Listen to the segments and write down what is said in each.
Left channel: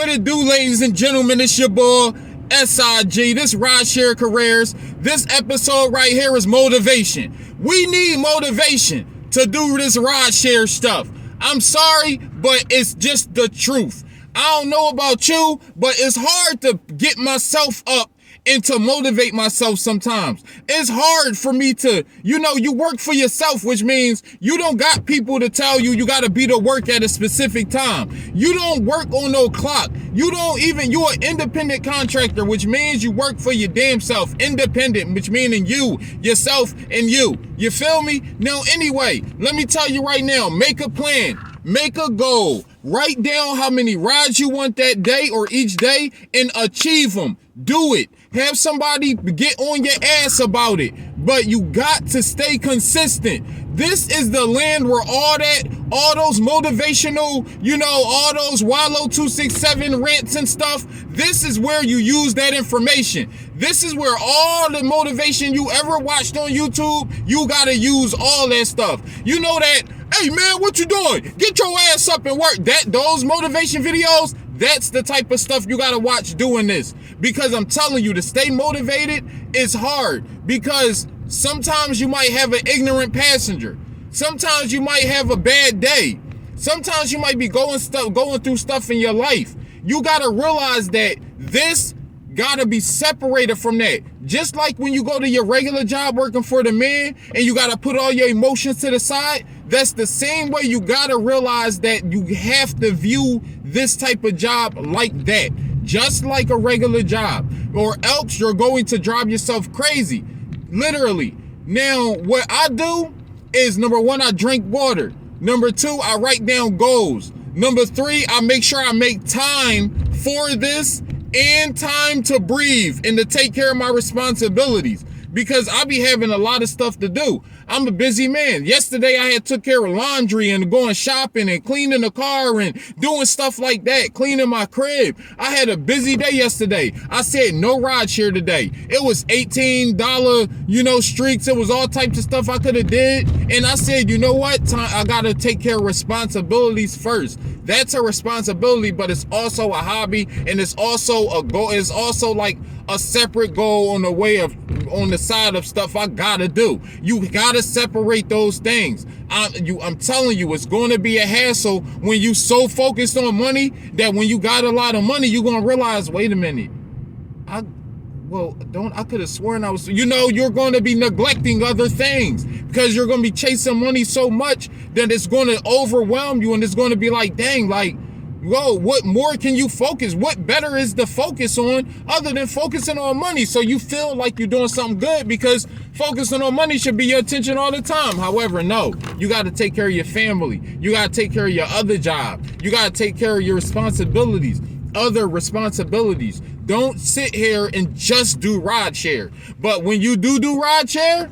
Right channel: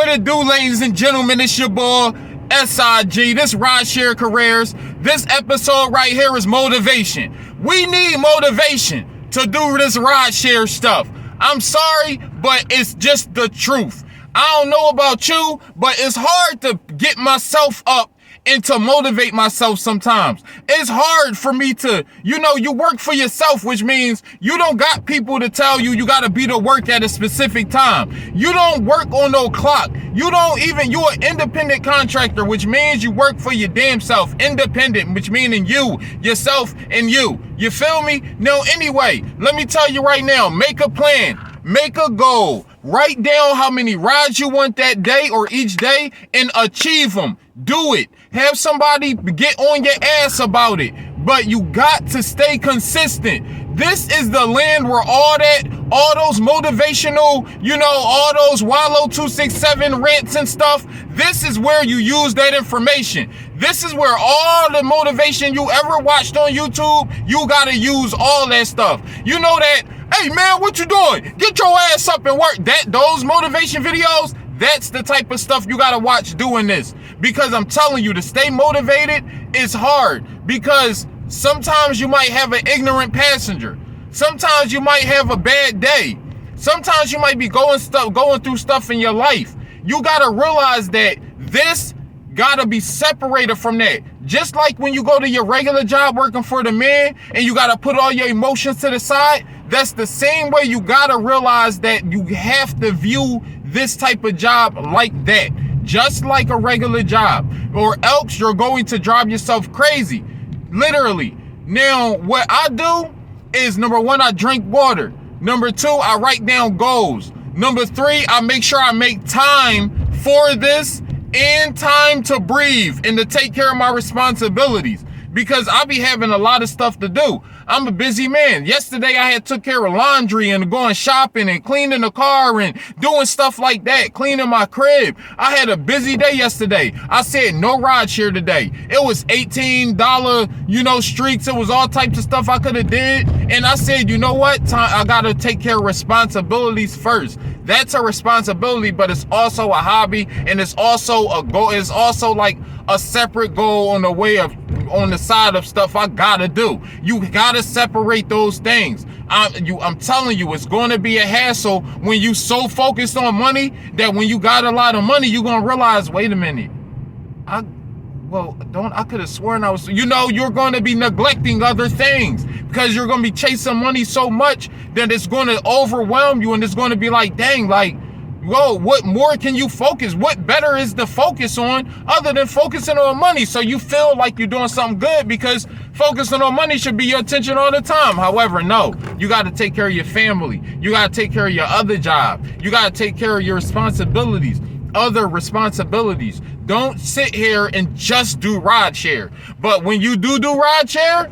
What it do, ladies and gentlemen? It's your boy, SIG. This Rideshare Careers. This episode right here is motivation. We need motivation to do this rideshare stuff. I'm sorry, but it's just the truth. I don't know about you, but it's hard to get myself up and to motivate myself sometimes. It's hard for me to, you work for yourself, which means you don't got people to tell you got to be to work at a specific time. You don't work on no clock. You're an independent contractor, which means you work for your damn self. Independent, which meaning you, yourself, and you. You feel me? No, anyway, let me tell you right now, make a plan. Make a goal. Write down how many rides you want that day or each day and achieve them. Do it. Have somebody get on your ass about it. But you got to stay consistent. This is the land where all those motivational, all those Wallow 267 rants and stuff, this is where you use that information. This is where all the motivation you ever watched on YouTube, you got to use all that stuff. You know that, hey man, what you doing? Get your ass up and work. Those motivation videos, that's the type of stuff you gotta watch doing this. Because I'm telling you, to stay motivated is hard. Because sometimes you might have an ignorant passenger. Sometimes you might have a bad day. Sometimes you might be going through stuff in your life. You gotta realize that this gotta be separated from that. Just like when you go to your regular job working for the man and you gotta put all your emotions to the side, that's the same way you gotta realize that you have to view this type of job like that. Just like a regular job, or else you're going to drive yourself crazy. Literally. Now, what I do is, number one, I drink water. Number two, I write down goals. Number three, I make sure I make time for this and time to breathe and to take care of my responsibilities, because I be having a lot of stuff to do. I'm a busy man. Yesterday I had took care of laundry and going shopping and cleaning the car and doing stuff like that, cleaning my crib. I had a busy day yesterday. I said no rideshare today. It was $18, streaks. It was all types of stuff I could have did. And I said, you know what? I gotta take care of responsibilities first. That's a responsibility, but it's also a hobby, and it's also a goal. It's also like a separate goal on the side of stuff I gotta do. You gotta separate those things. I'm telling you, it's going to be a hassle when you so focused on money that when you got a lot of money, you're gonna realize, wait a minute, I could have sworn I was, you're going to be neglecting other things because you're going to be chasing money so much that it's going to overwhelm you, and it's going to be like, dang, like, whoa, what more can you focus? What better is to focus on other than focusing on money? So you feel like you're doing something good because focusing on money should be your attention all the time. However, no, you got to take care of your family. You got to take care of your other job. You got to take care of your other responsibilities. Don't sit here and just do rideshare. But when you do rideshare,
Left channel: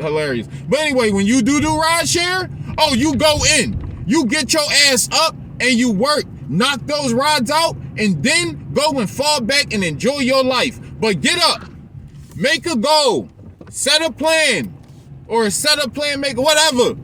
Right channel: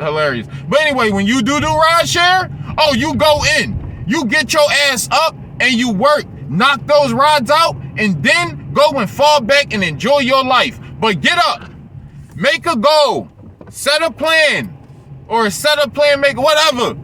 hilarious. But anyway, when you do rideshare, you go in, you get your ass up and you work, knock those rides out, and then go and fall back and enjoy your life. But get up, make a goal, set a plan, make whatever,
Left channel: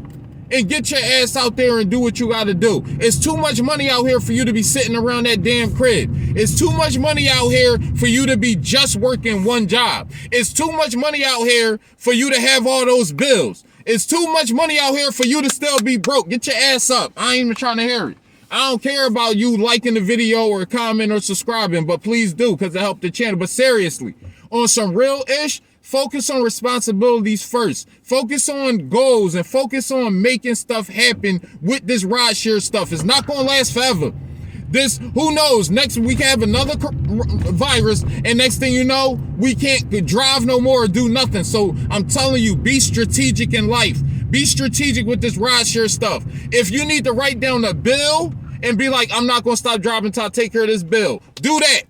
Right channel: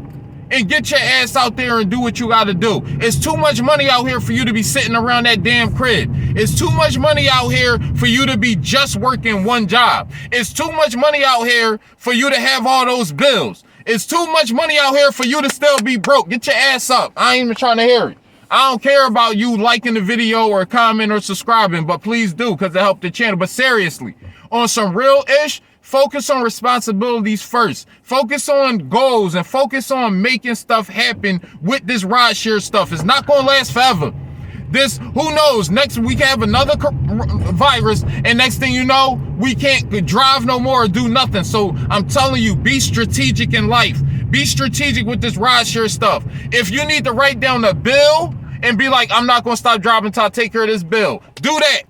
and get your ass out there and do what you gotta do. It's too much money out here for you to be sitting around that damn crib. It's too much money out here for you to be just working one job. It's too much money out here for you to have all those bills. It's too much money out here for you to still be broke. Get your ass up. I ain't even trying to hear it. I don't care about you liking the video or comment or subscribing, but please do, because it helped the channel. But seriously, on some real ish, focus on responsibilities first. Focus on goals and focus on making stuff happen with this rideshare stuff. It's not going to last forever. Who knows, next we can have another virus, and next thing you know, we can't drive no more or do nothing. So I'm telling you, be strategic in life. Be strategic with this rideshare stuff. If you need to write down a bill and be like, I'm not going to stop driving until I take care of this bill, do that.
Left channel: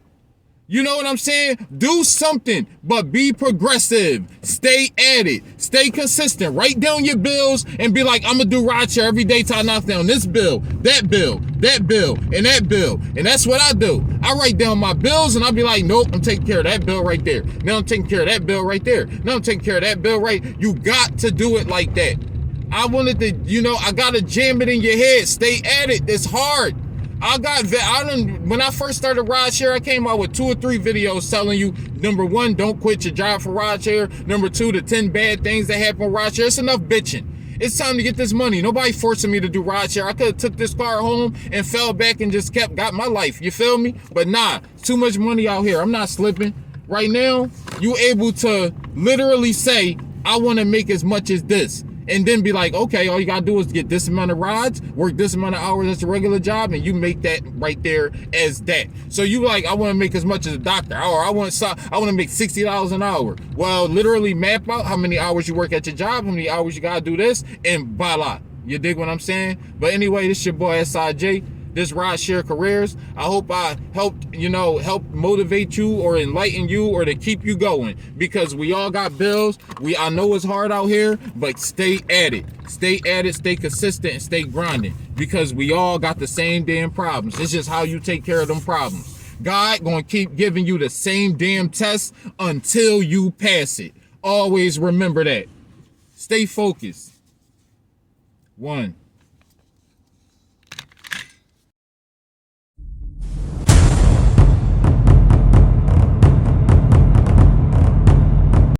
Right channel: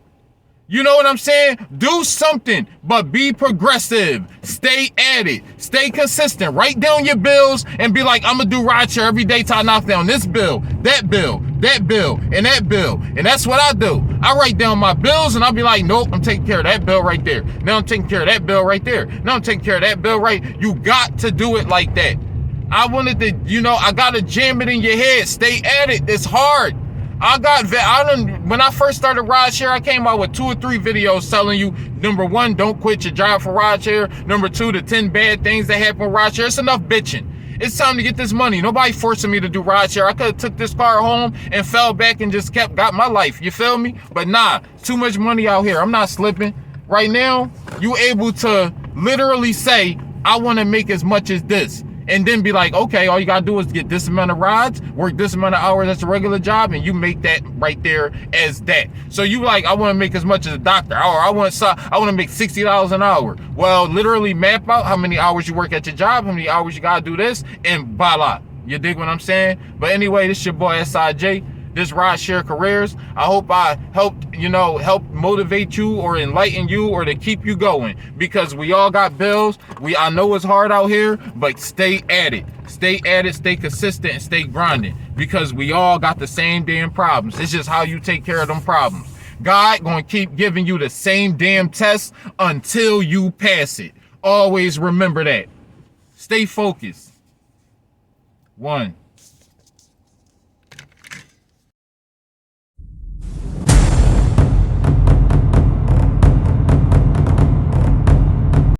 You know what I'm saying? Do something, but be progressive. Stay at it. Stay consistent. Write down your bills and be like, I'm going to do rideshare every day till I knock down this bill, that bill, that bill, and that bill. And that's what I do. I write down my bills and I'll be like, nope, I'm taking care of that bill right there. Now I'm taking care of that bill right there. Now I'm taking care of that bill right. You got to do it like that. I wanted to, I got to jam it in your head. Stay at it. It's hard. When I first started Rideshare, I came out with 2 or 3 videos telling you, number 1, don't quit your job for Rideshare. Number 2, the 10 bad things that happen with Rideshare. It's enough bitching. It's time to get this money. Nobody forcing me to do Rideshare. I could have took this car home and fell back and just got my life. You feel me? But nah, too much money out here. I'm not slipping. Right now, you able to literally say, I want to make as much as this. And then be like, okay, all you gotta do is get this amount of rides, work this amount of hours as a regular job, and you make that right there as that. So you like, I want to make as much as a doctor, or I want to make $60 an hour. Well, literally map out how many hours you work at your job, how many hours you gotta do this, and voila. You dig what I'm saying? But anyway, this your boy SIJ. This Rideshare Careers. I hope I helped motivate you or enlighten you or to keep you going, because we all got bills. I know it's hard out here, but stay at it. Stay at it, stay consistent, and stay grinding, because we all got the same damn problems. It's just how you take care of them problems. God gonna keep giving you the same damn test until you pass it. Always remember that. Stay focused. 1.